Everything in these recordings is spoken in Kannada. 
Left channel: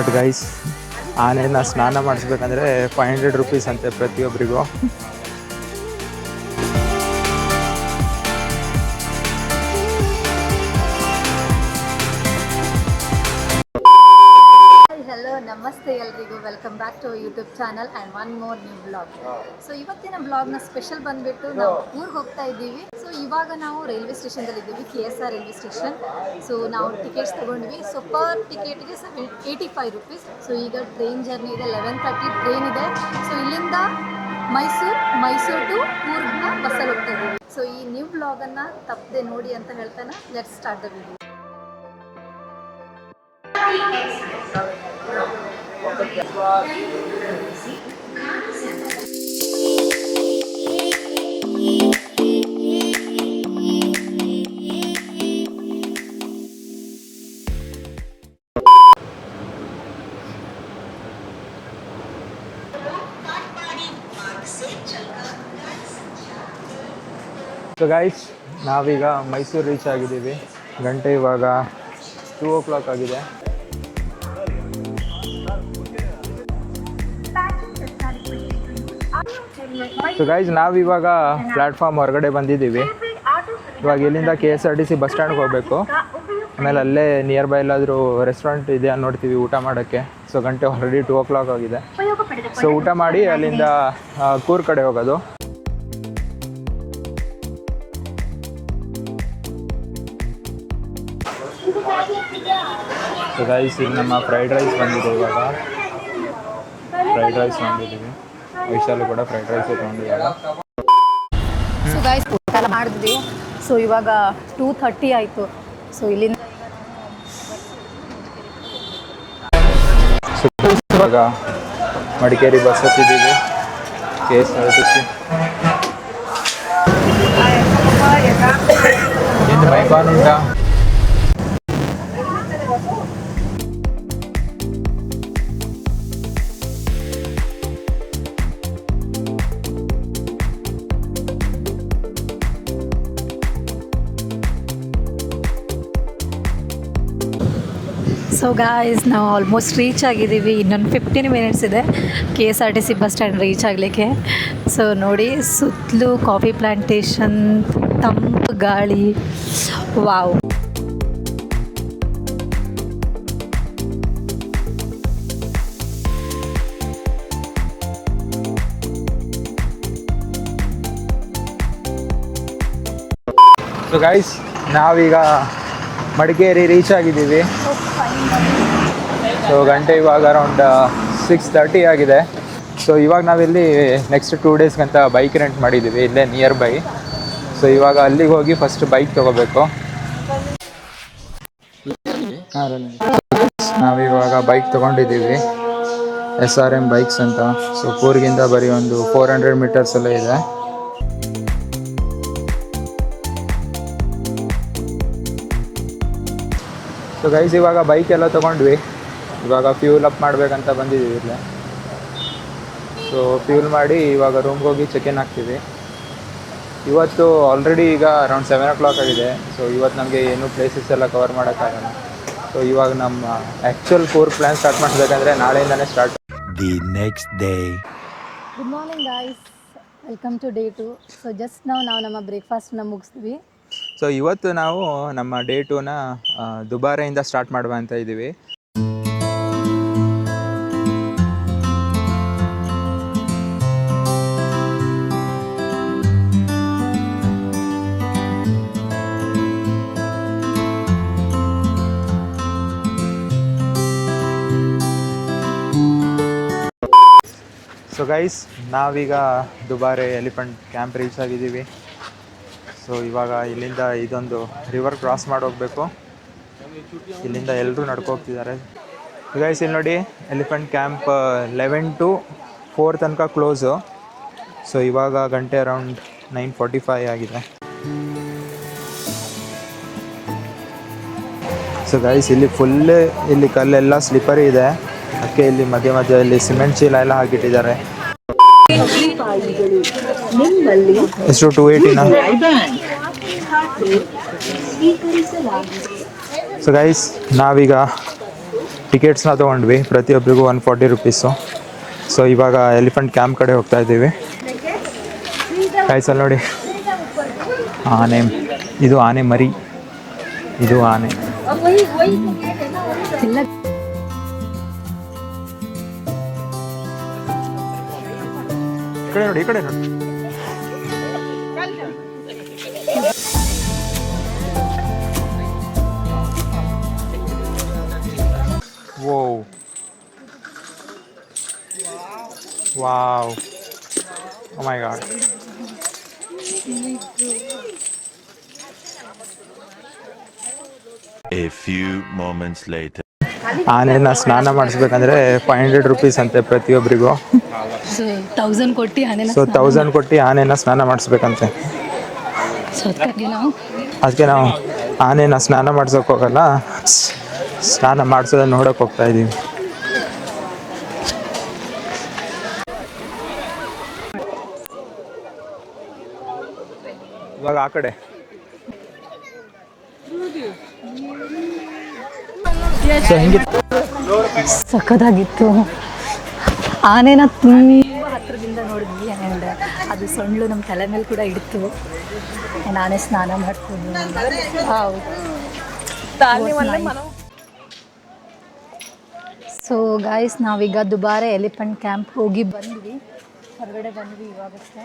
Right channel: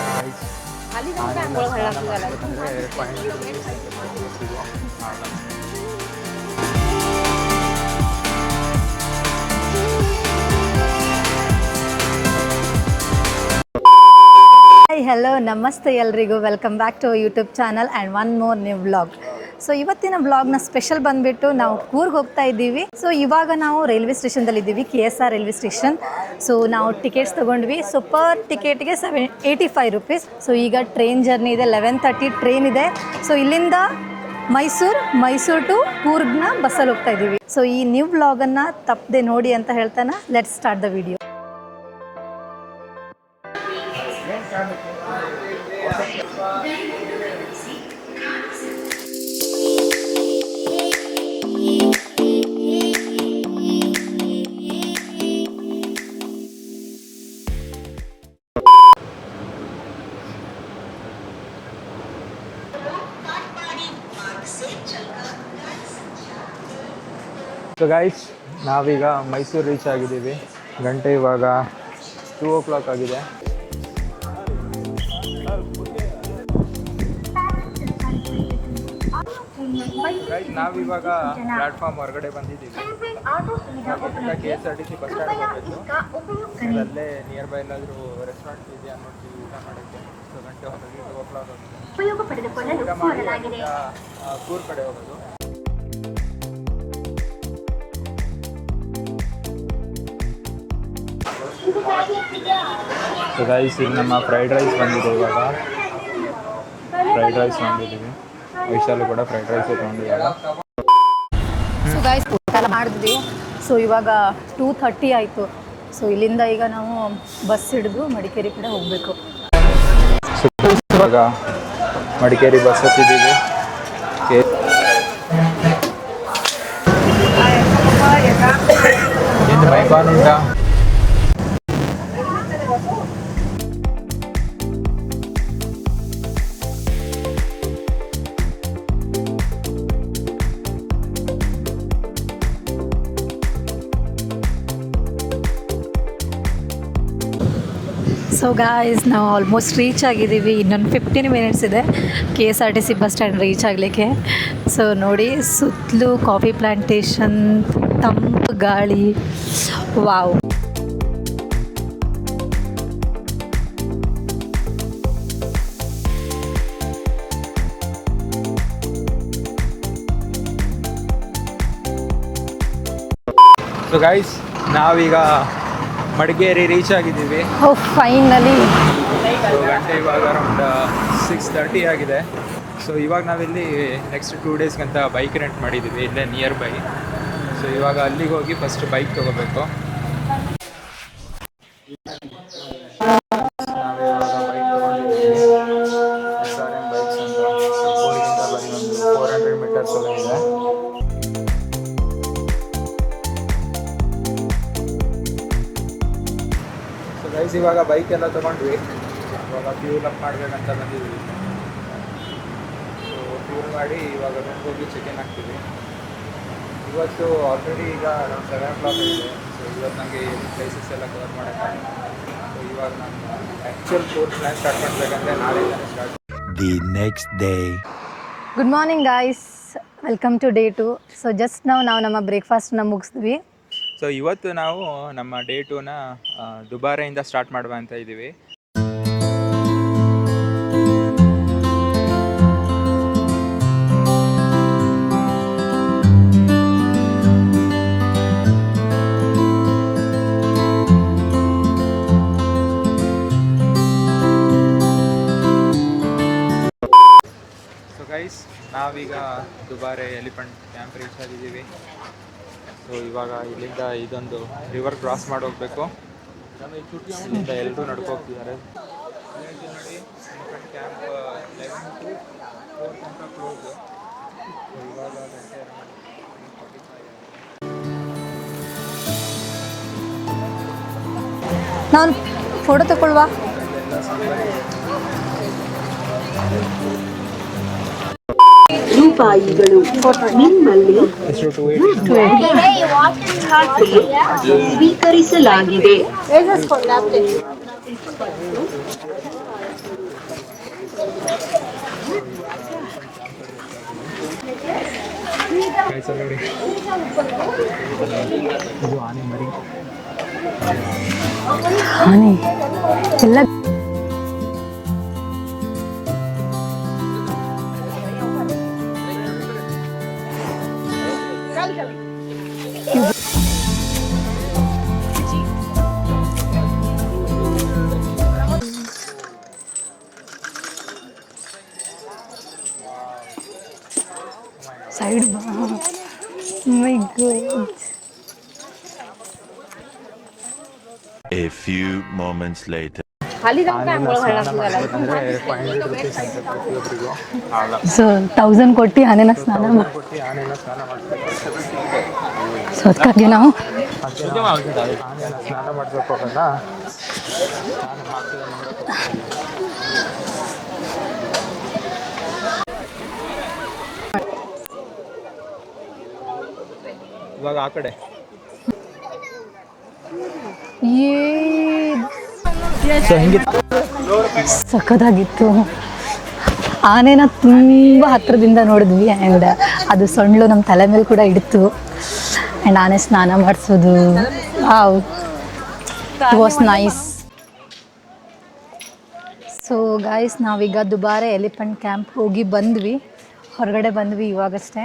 ಬಟ್ ಗೈಸ್ ಆನೆನ ಸ್ನಾನ ಮಾಡಿಸ್ಬೇಕಂದ್ರೆ 500 ರೂಪೀಸ್ ಅಂತೆ ಪ್ರತಿಯೊಬ್ಬರಿಗೂ. ಹಲೋ ನಮಸ್ತೆ ಎಲ್ರಿಗೂ, welcome back to YouTube channel and one more new vlog. So ಇವತ್ತಿನ ವ್ಲಾಗ್ನ ಸ್ಪೆಷಲ್ ಬಂದುಬಿಟ್ಟು ನಾವು ಊರಿಗೆ ಹೋಗ್ತಾ ಇದ್ದೀವಿ. ಸೊ ಇವಾಗ ನಾವು ರೈಲ್ವೆ ಸ್ಟೇಷನ್ದಲ್ಲಿ ಇದ್ದೀವಿ, KSR ರೈಲ್ವೆ ಸ್ಟೇಷನ್. ಸೊ ನಾವು ಟಿಕೆಟ್ಸ್ ತೊಗೊಂಡ್ವಿ. ಸೊ ಪರ್ ಟಿಕೆಟ್ಗೆ 85 ರೂಪೀಸ್. ಸೊ ಈಗ ಟ್ರೈನ್ ಜರ್ನಿ ಇದೆ, 11:30 ಟ್ರೈನ್ ಇದೆ. ಸೊ ಇಲ್ಲಿಂದ ಮೈಸೂರು ಟು ಕೂರ್ಗ್ನ ಬಸ್ಸಲ್ಲಿ ಹೋಗ್ತಾ ಇದ್ದೀವಿ. ಸೊ ಈ ನ್ಯೂ ವ್ಲಾಗನ್ನು ತಪ್ಪದೆ ನೋಡಿ ಅಂತ ಹೇಳ್ತಾನೆ let's start the video. So guys ನಾವೀಗ ಮೈಸೂರು ರೀಚ್ ಆಗಿದ್ದೀವಿ. ಗಂಟೆ ಇವಾಗ 2 o'clock ಆಗಿದೆ. ಸೊ ಗೈಸ್ ನಾವಿವಾಗ ಪ್ಲ್ಯಾಟ್ಫಾರ್ಮ್ ಹೊರಗಡೆ ಬಂದಿದ್ದೀವಿ. ಇವಾಗ ಇಲ್ಲಿಂದ KSRTC ಬಸ್ ಸ್ಟ್ಯಾಂಡ್ಗೆ ಹೋಗಬೇಕು. ಆಮೇಲೆ ಅಲ್ಲೇ ನಿಯರ್ ಬೈ ಎಲ್ಲಾದರೂ ರೆಸ್ಟೋರೆಂಟ್ ಇದೆಯಾ ನೋಡ್ತೀವಿ ಊಟ ಮಾಡೋಕ್ಕೆ. ಸೊ ಗಂಟೆ ಆಲ್ರೆಡಿ 2 o'clock ಆಗಿದೆ. ಸೊ ಊಟ ಮಾಡಿ ಅಲ್ಲಿಂದ ಕೂರ್ಗ್ ಕಡೆ ಹೋಗೋದು. ಸೊ ಗೈಸ್ ಇಲ್ಲಿ ನಮ್ಮ ಫ್ರೈಡ್ ರೈಸ್ ಬಂದಿದೆ. ಇವಾಗ ಫ್ರೈಡ್ ರೈಸ್ ತೊಗೊಂಡಿದ್ದೀವಿ. ವೈಶಾಲಿ ಕೂಡ ಫ್ರೈಡ್ ರೈಸ್ ತೊಗೊಂಡಿದ್ದಾರೆ. ಸೊ ಗೈಸ್ ಊಟ ಮಾಡಿದ್ವಿ. ಸೊ ಇವಾಗ 2:30 ಆಯಿತು. ಸೊ ಇಲ್ಲಿಂದ ಈಗ ನಾವು ಬಸ್ ಹಿಡಿದು ಮಡಿಕೇರಿ ಕಡೆ ಹೋಗಬೇಕು. ಸೊ ಇವಾಗ ಮಡಿಕೇರಿ ಬಸ್ ಹತ್ತಿದ್ದೀವಿ. ಏನು ಮೈಪಾನ್ ಉಂಟಾ? ಸೊ ಗಾಯ್ಸ್ ನಾವು ಆಲ್ಮೋಸ್ಟ್ ರೀಚ್ ಆಗಿದ್ದೀವಿ. ಇನ್ನೊಂದು 15 ಮಿನಿಟ್ಸ್ ಇದೆ KSRTC ಬಸ್ ಸ್ಟ್ಯಾಂಡ್ ರೀಚ್ ಆಗಲಿಕ್ಕೆ. ಸೊ ನೋಡಿ ಸುತ್ತಲೂ ಕಾಫಿ ಪ್ಲಾಂಟೇಶನ್, ತಂಪು ಗಾಳಿ, ವಾವ್. ಸೊ ಗೈಸ್ ನಾವೀಗ ಮಡಿಕೇರಿ ರೀಚ್ ಆಗಿದ್ದೀವಿ. ಫೈನಲಿ. ಸೊ ಗಂಟೆ ಇವಾಗ ಅರೌಂಡ್ 6:30 ಆಗಿದೆ. ಸೊ ಇವಾಗ ನಾವಿಲ್ಲಿ ನೆಕ್ಸ್ಟ್ 2 ಡೇಸ್ಗಂತ ಬೈಕ್ ರೆಂಟ್ ಮಾಡಿದ್ದೀವಿ ಇಲ್ಲೇ ನಿಯರ್ ಬೈ. ಸೊ ಇವಾಗ ಅಲ್ಲಿಗೆ ಹೋಗಿ ಫಸ್ಟ್ ಬೈಕ್ ತೊಗೋಬೇಕು. ನಾವಿವಾಗ ಬೈಕ್ ತೊಗೊಂಡಿದ್ದೀವಿ, SRM ಬೈಕ್ಸ್ ಅಂತ. ಸೊ ಕೂರ್ಗಿಂದ ಬರೀ ಒಂದು 400 ಮೀಟರ್ಸ್ ಎಲ್ಲ ಇದೆ. ಸೊ ಗೈಸ್ ಇವಾಗ ಬೈಕ್ ಎಲ್ಲ ತೊಗೊಂಡ್ವಿ. ಇವಾಗ ಫ್ಯೂಲ್ ಅಪ್ ಮಾಡಬೇಕಂತ ಬಂದಿದ್ದೀವಿ ಇಲ್ಲೇ. ಸೊ ಫ್ಯೂಲ್ ಮಾಡಿ ಇವಾಗ ರೂಮ್ಗೆ ಹೋಗಿ ಚೆಕ್-ಇನ್ ಆಗ್ತೀವಿ. ಇವತ್ತು ಆಲ್ರೆಡಿ ಈಗ ಅರೌಂಡ್ 7 o'clock ಆಗಿದೆ. ಸೊ ಇವತ್ತು ನಮಗೆ ಏನು ಪ್ಲೇಸಸ್ ಎಲ್ಲ ಕವರ್ ಮಾಡೋಕ್ಕಾಗಲ್ಲ. ಸೊ ಇವಾಗ ನಮ್ಮ ಆ್ಯಕ್ಚುಯಲ್ ಕೂರ್ಗ್ ಪ್ಲ್ಯಾನ್ ಸ್ಟಾರ್ಟ್ ಮಾಡಬೇಕಂದ್ರೆ ನಾಳೆಯಿಂದನೇ start. The next day. Good morning guys, welcome to day 2. So just ನಾವು ನಮ್ಮ ಬ್ರೇಕ್ಫಾಸ್ಟ್ನ ಮುಗಿಸಿದ್ವಿ. ಸೊ ಇವತ್ತು ನಾವು ನಮ್ಮ ಡೇ 2ನ ದುಬಾರೆಯಿಂದ ಸ್ಟಾರ್ಟ್ ಮಾಡುವ ಅಂತ ಇದ್ದೀವಿ. ಸೊ ಗೈಸ್ ನಾವೀಗ ದುಬಾರೆ ಎಲಿಫೆಂಟ್ ಕ್ಯಾಂಪ್ ರೀಚ್ ಆಗಿದ್ದೀವಿ. ಸೊ ಇವಾಗ ಇಲ್ಲಿಂದ ಇದೊಂದು ರಿವರ್ ಕ್ರಾಸ್ ಮಾಡಿ ಹೋಗಬೇಕು. ಇಲ್ಲಿಂದ ಎಲ್ಲರೂ ನಡ್ಕೋಗ್ತಿದ್ದಾರೆ. ಗೈಸ್ ಇಲ್ಲಿ ನೋಡಿ ಎಲಿಫೆಂಟ್ ಕ್ಯಾಂಪ್ 11 to 4 ತನಕ ಕ್ಲೋಸು. ಸೊ ಇವಾಗ ಗಂಟೆ ಅರೌಂಡ್ 9:45 ಆಗಿದೆ. ಸೊ ಗೈಸ್ ಇಲ್ಲಿ ಫುಲ್ ಇಲ್ಲಿ ಕಲ್ಲೆಲ್ಲ ಸ್ಲಿಪ್ಪರಿ ಇದೆ. ಅದಕ್ಕೆ ಇಲ್ಲಿ ಮಧ್ಯದಲ್ಲಿ ಸಿಮೆಂಟ್ ಚೀಲ ಎಲ್ಲ ಹಾಕಿಟ್ಟಿದ್ದಾರೆ. ಎಷ್ಟು 280 ಸ್ವೀಕರಿಸಲಾಗಿದೆ. ಸೊ ಗೈಸ್ ನಾವೀಗ ಟಿಕೆಟ್ಸ್ನ ತೊಗೊಂಡ್ವಿ, ಪ್ರತಿಯೊಬ್ಬರಿಗೂ 140 ರುಪೀಸು. ಸೊ ಇವಾಗ ಎಲಿಫೆಂಟ್ ಕ್ಯಾಂಪ್ ಕಡೆ ಹೋಗ್ತಾ ಇದ್ದೀವಿ. ಕಾಯ್ಸಲ್ಲಿ ನೋಡಿ, ಆನೆ, ಇದು ಆನೆ ಮರಿ, ಇದು ಆನೆ. ಎಲ್ಲ ಈ ಕಡೆ ನೋಡಿ, ಈ ಕಡೆ ನೋಡಿ. Whoa. Wow. Oh my god. Side my god. A few moments later. ಆನೆನ ಸ್ನಾನ ಮಾಡಿಸ್ಬೇಕಂದ್ರೆ 500 ರುಪೀಸ್ ಅಂತೆ ಪ್ರತಿಯೊಬ್ಬರಿಗೂ. ಸೊ 1000 ಕೊಟ್ಟು ಆನೆನ ಸೊ 1000 ಕೊಟ್ಟು ಆನೆನ ಸ್ನಾನ ಮಾಡಿಸ್ಬೇಕಂತೆ. ಸೊ ಅದಕ್ಕೆ ನಾವು ಆನೆನ ಸ್ನಾನ ಮಾಡ್ಸೋಕೆ ಹೋಗಲ್ಲ, ಸ್ನಾನ ಮಾಡಿಸೋದನ್ನ ನೋಡೋಕೆ ಹೋಗ್ತಾ ಇದ್ದೀವಿ. ಇವಾಗ ಆ ಕಡೆ ಸೊ ಹೆಂಗಿತ್ತು? ಸಖತ್ತಾಗಿತ್ತು. ಆನೆನ ತುಂಬ ಹತ್ರದಿಂದ ನೋಡಿದ್ವಿ ಆ್ಯಂಡ್ ಅದು ಸೊಂಡ್ಲು ನಮ್ಮ ತಲೆ ಮೇಲೆ ಕೂಡ ಇಡ್ತು. ಆ್ಯಂಡ್ ಆನೆ ಸ್ನಾನ ಮಾಡಿಸೋದು ವಾಸ್ ನೈಸ್. ಸೊ ಗಾಯ್ಸ್, ನಾವೀಗ ದುಬಾರೆ ಎಲಿಫೆಂಟ್ ಕ್ಯಾಂಪ್ ಹೋಗಿ ಬಂದ್ವಿ, ಹೊರಗಡೆ ಬಂದ್ವಿ ಇವಾಗಷ್ಟೇ.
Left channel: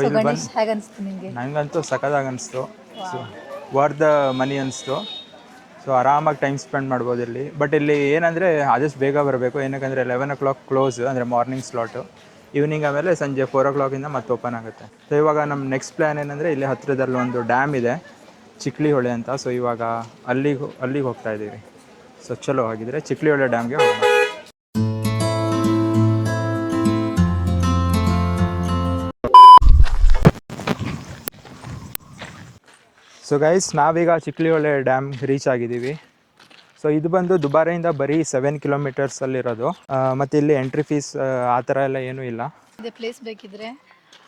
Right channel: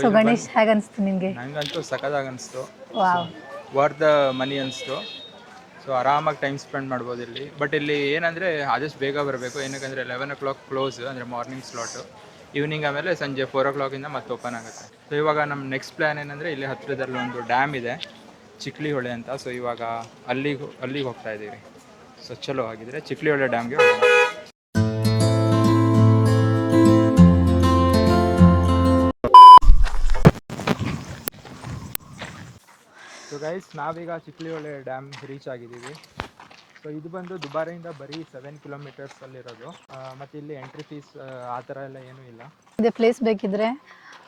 ಸೊ ಗಣೇಶ್, ಹೇಗೆ ಅನಿಸ್ತು ನಿಮಗೆ? ನನಗಂತೂ ಸಖತ್ತಾಗಿ ಅನಿಸ್ತು. ವಾವ್. ವರ್ತ್ ದ ಮನಿ ಅನಿಸ್ತು. ಸೊ ಆರಾಮಾಗಿ ಟೈಮ್ ಸ್ಪೆಂಡ್ ಮಾಡ್ಬೋದು ಇಲ್ಲಿ. ಬಟ್ ಇಲ್ಲಿ ಏನಂದರೆ ಆದಷ್ಟು ಬೇಗ ಬರಬೇಕು, ಏನಕ್ಕಂದರೆ 11 o'clock ಕ್ಲೋಸ್, ಅಂದರೆ ಮಾರ್ನಿಂಗ್ ಸ್ಲಾಟು. ಈವ್ನಿಂಗ್ ಆಮೇಲೆ ಸಂಜೆ 4 o'clock ಮತ್ತೆ ಓಪನ್ ಆಗುತ್ತೆ. ಸೊ ಇವಾಗ ನಮ್ಮ ನೆಕ್ಸ್ಟ್ ಪ್ಲ್ಯಾನ್ ಏನಂದರೆ ಇಲ್ಲಿ ಹತ್ತಿರದಲ್ಲಿ ಒಂದು ಡ್ಯಾಮ್ ಇದೆ, ಚಿಕ್ಲಿ ಹೊಳೆ ಅಂತ. ಸೊ ಇವಾಗ ಅಲ್ಲಿಗೆ ಹೋಗ್ತಾ ಇದ್ದೀವಿ. ಸೊ ಚಲೋ ಆಗಿದ್ರೆ ಚಿಕ್ಲಿ ಹೊಳೆ ಡ್ಯಾಮ್ಗೆ ಹೋಗೋಣ. ಸೊ ಗೈಸ್, ನಾವೀಗ ಚಿಕ್ಲಿ ಹೊಳೆ ಡ್ಯಾಮ್ ರೀಚ್ ಆಗಿದ್ದೀವಿ. ಸೊ ಇದು ಬಂದು ದುಬಾರೆಯಿಂದ ಬರೀ 7 ಕಿಲೋಮೀಟರ್ಸಲ್ಲಿರೋದು. ಮತ್ತು ಇಲ್ಲಿ ಎಂಟ್ರಿ ಫೀಸ್ ಆ ಥರ ಎಲ್ಲ ಏನೂ ಇಲ್ಲ. ಇದೆ ಪ್ಲೇಸ್ ಬೇಕಿದ್ರೆ.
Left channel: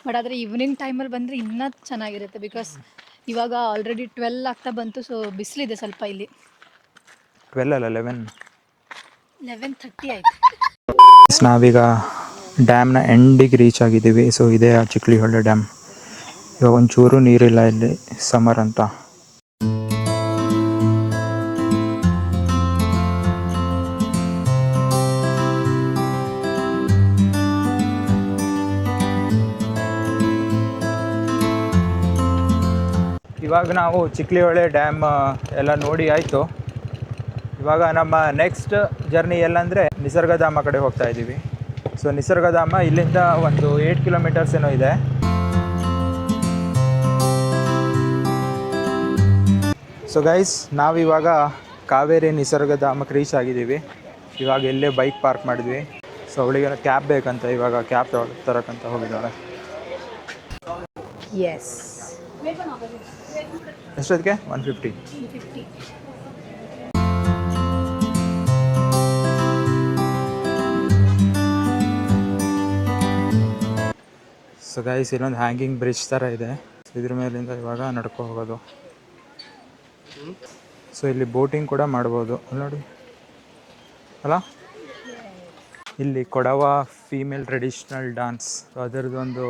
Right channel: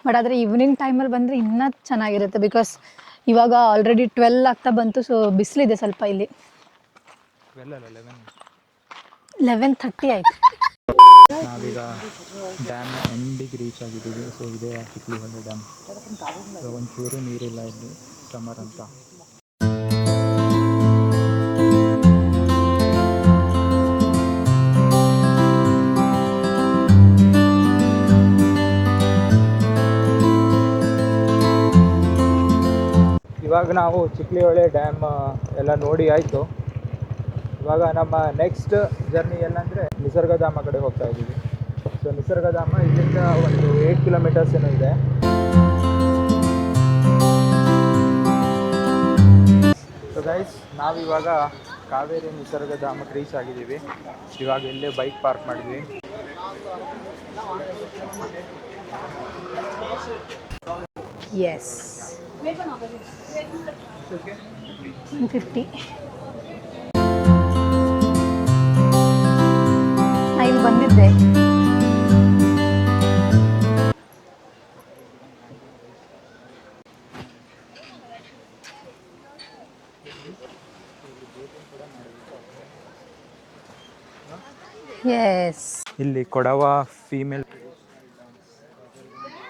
ಬಟ್ ಆದರೆ ಈವ್ನಿಂಗ್ ಟೈಮಲ್ಲಿ ಬಂದರೆ ಇನ್ನೂ ಚೆನ್ನಾಗಿರುತ್ತೆ, ಬಿಕಾಸ್ ಇವಾಗ ಆಲ್ರೆಡಿ 12 ಆಗ್ತಾ ಬಂತು. ಸೊ ಬಿಸಿಲಿದೆ ಸ್ವಲ್ಪ ಇಲ್ಲಿ. 12 ಅಲ್ಲ 11:30 ಆಯಿತು. ನಾವೀಗ ಡ್ಯಾಮ್ನ ಎಂಡಿಗೆ ರೀಚ್ ಆಗಿದ್ದೀವಿ. ಸೊ ಇದೇ ಆ ಚಿಕ್ಲಿ ಹೊಳೆ ಡ್ಯಾಮ್. ಇವಾಗ ಒಂಚೂರು ನೀರಿಲ್ಲ ಇಲ್ಲಿ, ಸಮರ್ ಅಂತ. ಇವಾಗ ನಾವು ಚಿಕ್ಲಿ ಹೊಳೆ ಡ್ಯಾಮ್ ಎಲ್ಲ ನೋಡಿ ಆಯಿತು. ಇವಾಗ ನಮ್ಮ ನೆಕ್ಸ್ಟ್ ಜರ್ನಿ ಎಲ್ಲಂದರೆ ನಿಸರ್ಗಧಾಮ ಕಡೆ ಹೋಗ್ತಾ ಇದ್ದೀವಿ. ಸೊ ನಿಸರ್ಗಧಾಮ ಇಲ್ಲಿಂದ ಒಂದು 8 ಕಿಲೋಮೀಟರ್ಸ್ ಏನೋ ಇದೆ. ಸೊ ಗೈಸ್, ನಾವಿವಾಗ ಕಾವೇರಿ ನಿಸರ್ಗಧಾಮಕ್ಕೆ ರೀಚ್ ಆಗಿದ್ದೀವಿ. ಇವಾಗ ಎಲ್ಲೇ ಬೈಕ್ ಪಾರ್ಕ್ ಮಾಡಿದ್ವಿ. ಸೊ ಅವಳಿಗೆಲ್ಲ ಕ್ಯಾಬ್ ಬೇಕಂತ, ಇವಾಗ ಕ್ಯಾಬ್ ತರಕ್ಕಂತ ಹೋಗಿದ್ದಾಳೆ. ಎಸ್, ಎಷ್ಟೊತ್ತಿಗೆ? 150. ಇಲ್ಲಿ ಬಂದಿದ್ದೆ. ಸೊ ಗೈಸ್, ಇಲ್ಲೊಂದು ಹ್ಯಾಂಗಿಂಗ್ ಬ್ರಿಡ್ಜ್ ಥರ ಇದೆ. ಇದ್ರ ಮೇಲಿಂದ ಇವಾಗ ನಡ್ಕೊ ಹೋಗೋದು. ಸೊ ಇಲ್ಲಿ ಬೋಟಿಂಗ್ ಕೂಡ ಮಾಡ್ಬೋದು ನೋಡಿ, ಅಲ್ಲ? ಎಸ್. ಇಲ್ಲಿ ಕೊಡವ ಫೀಮೇಲ್ ಟ್ರೆಡಿಷ್ನಲ್ ಡ್ಯಾನ್ಸ್, ಅದರದ್ದೊಂದು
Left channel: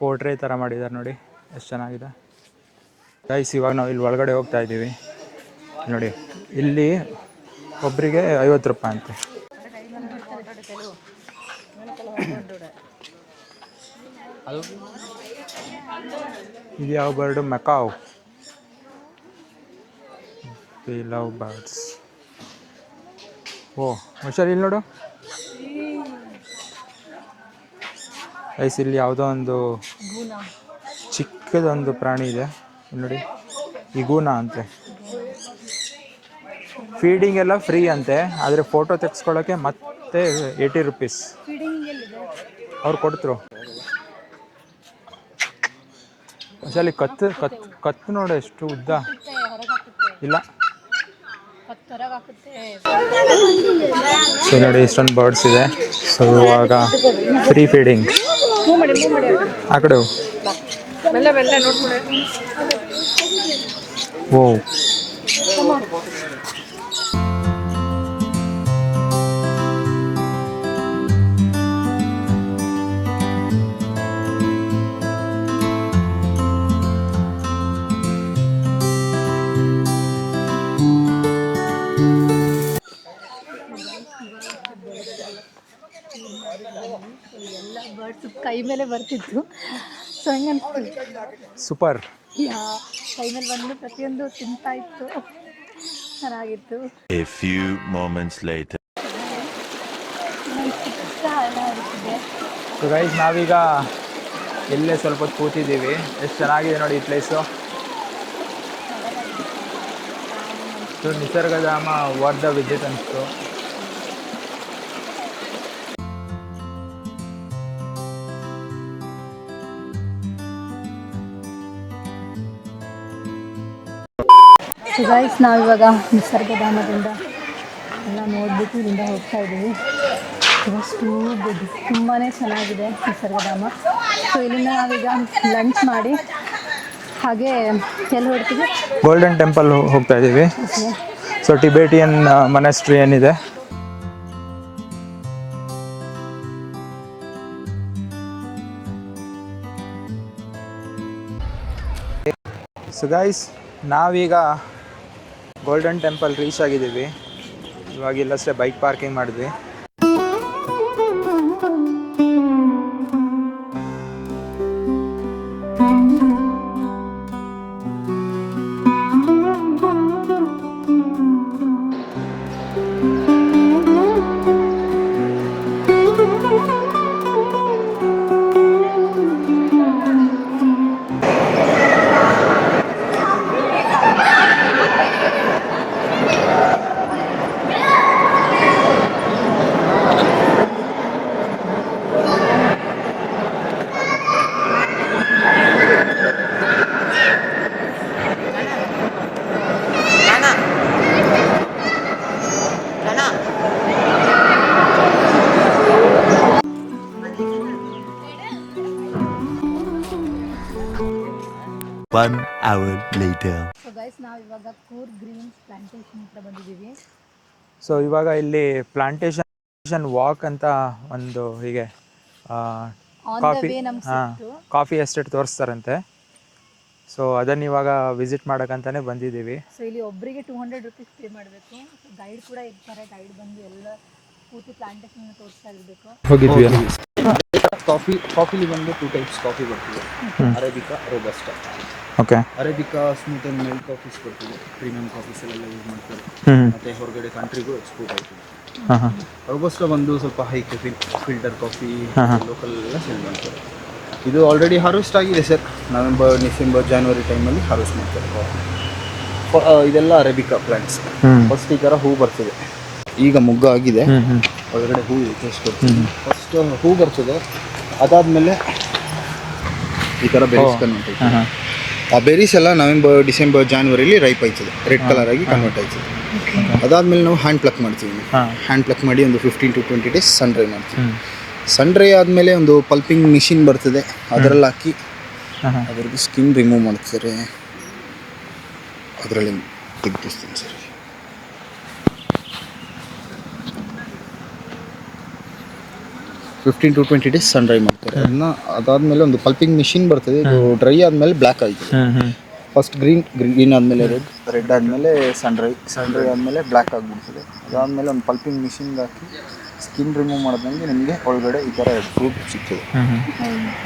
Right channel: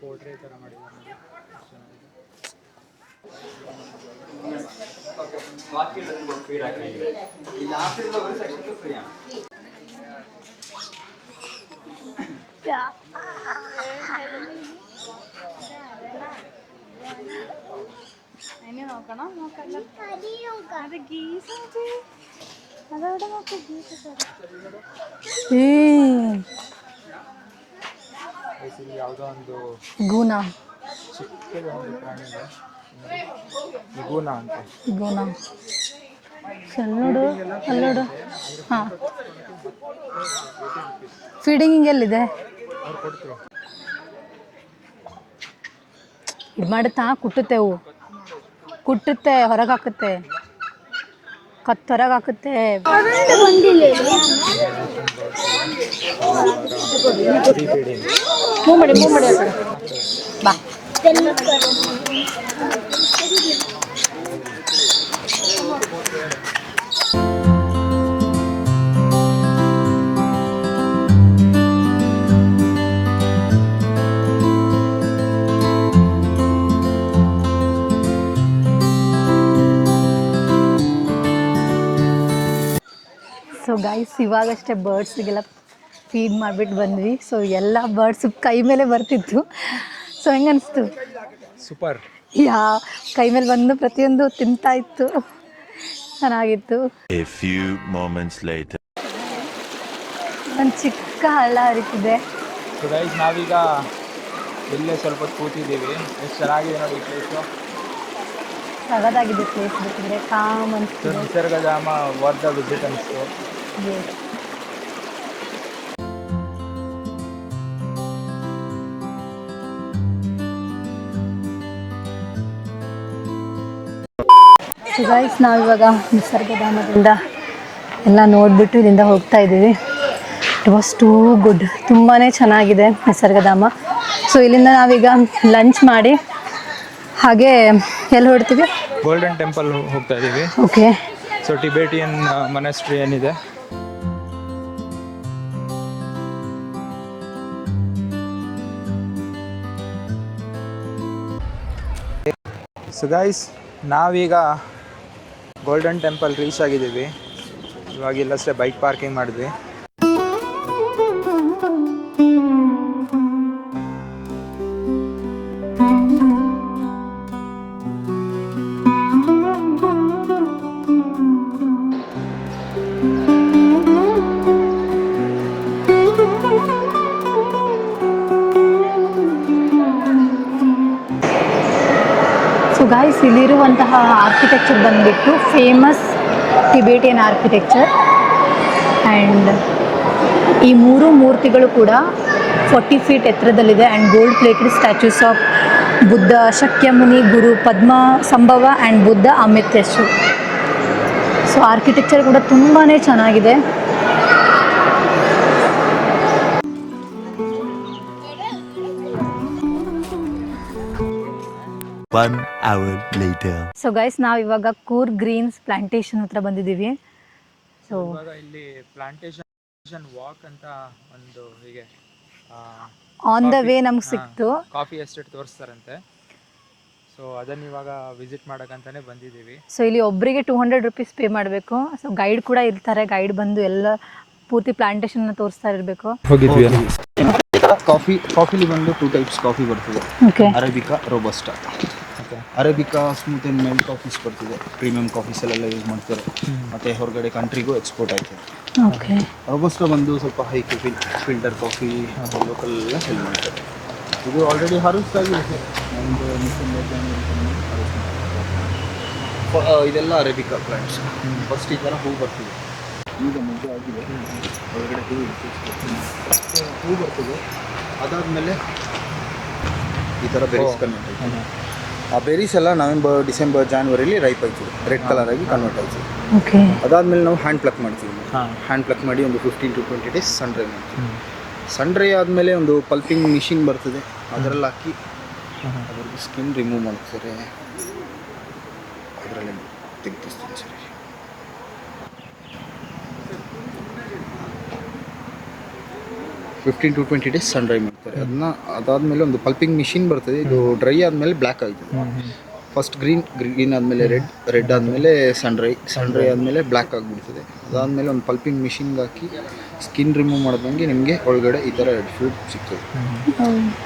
ಪೋರ್ಟ್ರೇ ಥರ ಮಾಡಿದ್ದಾರೆ ನೋಡಿ, ಎಷ್ಟು ಚೆನ್ನಾಗಿದೆ. ಗೈಸ್, ಇವಾಗ ನಾವು ಇಲ್ಲಿ ಒಳಗಡೆ ಹೋಗ್ತಾ ಇದ್ದೀವಿ ನೋಡಿ. ಇಲ್ಲಿ ಒಬ್ಬರಿಗೆ 50 ರೂಪಾಯಿ ಅಂತೆ. ಇದು ಯಾವ ಬರ್ಡು? ಮೆಕಾವ್. Love birds. ಓ ಹುಷಾರು, ಇಲ್ಲಿ ನೋಡು ಗೈಸ್, ಇಲ್ಲಿ ಯಾವುದೋ ಒಂದು ಗೂನ, ಚಿಕ್ಕದೊಂದು ಪ್ರಾಣಿ ಇದೆ ನೋಡಿ, ಇಗೂನ ಅಂತೆ. ಫೀಡಿಂಗ್ ಎಲ್ಲ ಫ್ರೀ ಅಂತೆ, ಆದರೆ ಫೋಟೋ ತೆಗೆಸ್ಕೊಳ್ಳೋಕ್ಕೆ ಮತ್ತೆ 80 ರುಪೀಸ್. ಫೀಡಿಂಗ್ ಎಲ್ಲಿದೆ? ಅವ್ರು ಕೊಡ್ತರು. ಕತ್ತು ನೋಡು ಎಷ್ಟು ಉದ್ದ. ಕುಟ್ಟುತ್ತೆ, ಹೊರಗೆ ಹಾಕುತ್ತೆ. ಇಲ್ಲ, ಕತ್ತು ಹೊರಗೆ ಹಾಕುತ್ತೆ. ಸೊ ನೋಡಿ, ಇಷ್ಟೊಂದು ಬರ್ಡ್ಸ್ ಇದೆ. ಸೊ ಇವಾಗ ಫ್ರೀ ಫೀಡಿಂಗ್. ಆ ಕಡೆ ಓ ಸೊ ಗೈಸ್ ಇವಾಗಷ್ಟೇ ಬರ್ಡ್ಸಿಗೆಲ್ಲ ಫೀಡ್ ಮಾಡಿಬಿಟ್ಟು ಬಂದ್ವಿ. ಸೊ ಎಲ್ಲ ಬರ್ಡ್ಸ್ ಕೈ ಮೇಲೆ ಬರ್ತಿತ್ತು. ಸೊ ಹೆಂಗೆ ಅನಿಸ್ತು? ಸೂಪರ್. ಕೈ ಮೇಲೆ ಬಂದು ಪ್ರತಿಯೊಂದು ತಿಂತಾ ಇತ್ತು, ಚೆನ್ನಾಗಿತ್ತು. A few moments later. ಒಂದು ಚಿಕ್ಕ ಹಳ್ಳ ಹರಿತಿದೆ. ಸೊ ಗೈಸ್ ನಾವೀಗ ಇಲ್ಲೇ ಸ್ವಲ್ಪ ಹೊತ್ತು ಕೂತಿದ್ದೀವಿ. ಎಷ್ಟು ಚೆನ್ನಾಗಿದೆ ನೋಡಿ ಈ ಪ್ಲೇಸು. ಸಗದಾಗಿದೆ ಪ್ಲೇಸ್, ಬೇಕಂದರೆ ಕಾಮ್ ಸೊ ನಿಸರ್ಗಧಾಮ ವರ್ಧ ವಿಸಿಟ್ ಅನಿಸ್ತು. ಸೊ ಗೈಸ್ ನಾವಿವಾಗ ನಿಸರ್ಗಧಾಮದಿಂದ ಎಲ್ಲ ನೋಡಿಬಿಟ್ಟು ಇಲ್ಲಿಂದ ಹೋಗ್ತಾ ಇದ್ದೀವಿ. ಇಟ್ ವಾಸ್ ಟೂ ಗುಡ್, ತುಂಬಾ ಚೆನ್ನಾಗಿದೆ ನಿಸರ್ಗಧಾಮ. ಸೊ ಇಲ್ಲಿಂದ ನಾವೀಗ ಲಂಚ್ ಮಾಡಿ ಹಾಗೆ ಎಲ್ಲಿ ಹೊಡ್ತೀವಿ? ಗೋಲ್ಡನ್ ಟೆಂಪಲ್ ಹೋಗ್ತಾ ಇದ್ದೀವಿ. ಓಕೆ. ಸೊ ಟಿಬೇಟಿಯನ್ ಮೊನಾಸ್ಟ್ರಿ ಏನಿದೆ. ಸೊ ಗೈಸ್ ನಾವೀಗ ಗೋಲ್ಡನ್ ಟೆಂಪಲ್ ರೀಚ್ ಆಗಿದ್ದೀವಿ. ಇವಾಗ ಇಲ್ಲಷ್ಟೇ ಬೈಕ್ ಪಾರ್ಕಿಂಗ್ ಮಾಡಿದ್ವಿ. ಸೊ ಗಾಯ್ಸ್ ಇಲ್ಲಿರುವಂತಹ ಆರ್ಕಿಟೆಕ್ಚರ್ ಬಂದುಬಿಟ್ಟು ಫೇಮಸ್ ಟಿಬೇಟಿಯನ್ ಆರ್ಕಿಟೆಕ್ಚರ್. ಆ್ಯಂಡ್ ಈ ಮೂರು ಮೂರ್ತಿಗಳು ಕೂಡ 40 ಫೀಟ್ ಎತ್ತರದಲ್ಲಿದೆ. And gold plated statues of Buddha, Shakyamuni, Guru Padma Sambhava and Buddha Amitayus. So architecture ಕೂಡ ತುಂಬಾ ಚೆನ್ನಾಗಿದೆ. One hour later. So guys ನಾವು ಇವಾಗ ಕೂರ್ಗ್ ಗ್ರೀನ್ಸ್ ಪ್ಲಾಂಟೇಶನ್ ಹತ್ರ ಬಂದಿದ್ದೀವಿ. ಸೊ ಇವಾಗ ಇಲ್ಲಿ ಪ್ಲಾಂಟೇಶನ್ ವಾಕ್ ಅಂತ ಒಂದು ಹೀಗೆ ಆನ್ ದ ವೇ ನಮ್ಗೆ ಸಿಕ್ತು. Coffee estate ತೋರಿಸ್ತಾರಂತೆ. ಸೊ ಅದನ್ನ ಇವಾಗ ವಿಸಿಟ್ ಮಾಡೋಕ್ಕಂತಾನೆ ಬಂದಿದ್ದೀವಿ. ಸೊ ಇಲ್ಲಿ ಒಬ್ಬರಿಗೆ 200 ರುಪೀಸ್ ಪೇ ಮಾಡಬೇಕು. ಸೊ ಗೈಡ್ ಕೂಡ ಇರ್ತಾರೆ, ಗೈಡ್ ಬಂದು ಎಲ್ಲ ಪೂರ್ತಿ ಪ್ಲಾಂಟೇಶನ್ನ ತೋರಿಸ್ತಾ ಇರಬೇಕು. ಹೋಗಿದ್ವಿ. ಕಾಫಿಲಿ ಬಂದು 2 ಟೈಪ್ಸ್ ಕಾಫಿ ಬರ್ತದೆ. Okay. Arabica, robusta. Okay. Arabica smooth and milk coffees ಬರ್ತಿದೆ, ಪ್ರೀಮಿಯಂ ಕಾಫೀಸ್ ಎಲ್ಲ ಯೂಸ್ ಮಾಡ್ತಾರೆ. ಮತ್ತೆ ಹೊರಗಡೆ ಕಂಟ್ರಿಗೂ ಎಕ್ಸ್ಪೋರ್ಟ್ ಆಯ್ತದೆ. ರೋಬಸ್ಟಾ ಬಂದು ಸ್ವಲ್ಪ high coffee, filter coffee, local cell ಮಾಡ್ತಾರೆ. ಇದು ಆಲ್ರೆಡಿ ಹಾರ್ವೆಸ್ಟ್ ಆಗಿದೆ ಸರ್. ನವೆಂಬರ್, ಡಿಸೆಂಬರ್, ಜಾನ್ವರಿ ಟೈಮಲ್ಲಿ ಹಾರ್ವೆಸ್ಟ್ ಮಾಡ್ತಾರೆ. ಇದೆಲ್ಲ ಅರೇಬಿಕಾ ಪ್ಲಾಂಟ್ಸ್. ಫಸ್ಟ್ ಈ ಥರ ಹೂ ಬರ್ತದೆ. ಈಗ ಮುಗ್ಗ ಆಗಿದೆ, ಒಳಗಡೆ ಹೂ ತೋರಿಸ್ಕೊಡ್ತೀನಿ. ಫಸ್ಟ್ ಹೂ ಬರ್ತದೆ, ಅದಾದಮೇಲೆ ಈ ಥರ ಬೆರೀಸ್ ಕನ್ವರ್ಟ್ ಆಯ್ತದೆ. ಆ ಬೆರೀಸ್ ಎಲ್ಲ ನವೆಂಬರ್, ಡಿಸೆಂಬರ್, ಜಾನ್ವರಿಲಿ ರೈಪ್ ಆಯ್ತದೆ, ರೆಡ್ ಕಲರ್ ಆಗಿ ಕನ್ವರ್ಟ್ ಆಯ್ತದೆ. ಅದಾದಮೇಲೆ ನಾವು ಹ್ಯಾಂಡ್ ಪ್ಲಕ್ ಮಾಡ್ತೀವಿ. ಹ್ಯಾಂಡ್ ಪ್ಲಕ್ ಮಾಡಿ ಒಂದು 15 to 20 ಡೇಸ್ ಸನ್ ಡ್ರೈ ಮಾಡ್ತೀವಿ. ಸನ್ ಡ್ರೈ ಆದಮೇಲೆ ಒಂದು ಪಲ್ಪಿಂಗ್ ಮಿಷಿನ್ ಬರ್ತದೆ, ಅದರಲ್ಲಿ ಹಾಕಿ ಅದ್ರದ್ದು ಸ್ಕಿನ್ ರಿಮೂವ್ ಮಾಡ್ತಾರೆ. ಅದರಲ್ಲಿ ತೆಗೆದಿಸ್ತೀನಿ sir. 15 to 20 days sun dry ಮಾಡ್ತಾರೆ. ಅದನ್ನ ಅದಾದಮೇಲೆ ಒಂದು ಪಲ್ಪಿಂಗ್ ಮಿಷಿನ್ ಬರ್ತದೆ. ಡ್ರೈ ಆದಮೇಲೆ ಬ್ಲ್ಯಾಕ್ ಆಯಿತು. ಫಸ್ಟ್ ಗ್ರೀನ್ ಆದಮೇಲೆ ರೆಡ್ ಆದಮೇಲೆ ಸನ್ ಡ್ರೈ ಆದಮೇಲೆ ಬ್ಲ್ಯಾಕ್ ಆಗಿಬಿಡ್ತದೆ. ಅದಾದಮೇಲೆ ಒಂದು ಪಲ್ಪಿಂಗ್ ಮಿಷಿನ್ಗೆ ಹಾಕಿ ಸ್ಕಿನ್ ರಿಮೂವ್ ಮಾಡಿದಂಗೆ ನಿಮಗೆ ಒಳಗಡೆ ಈ ಥರ ರೆಡ್ ಫ್ರೂಟ್ ಸಿಗ್ತದೆ.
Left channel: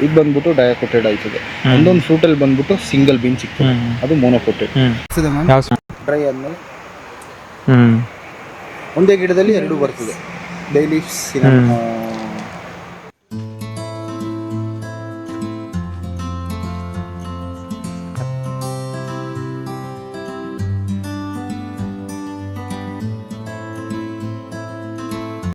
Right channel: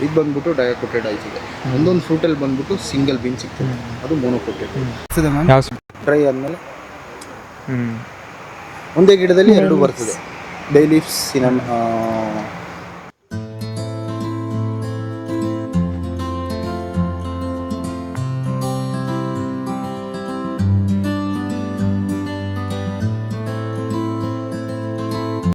ಇದು ಬಂದ್ಬಿಟ್ಟು ಡಯಾಕೋಟೆಡ್ ಆಯ್ತದೆ. ಒಂದೊಂದು ಫ್ರೂಟಲ್ಲಿ ಬಂದ್ಬಿಟ್ಟು ಸಿಂಗಲ್ ಬೀನ್ ಸಿಗ್ತದೆ, ಅದು ಮೋನೋಕೋಟೆಡ್. ಡ್ರೈ ಆದಮೇಲೆ ಒಂದೇ ಗಿಡದಲ್ಲಿ ಎರಡು ಬರ್ತದೆ. ಬೇ ಲೀಫ್ಸ್,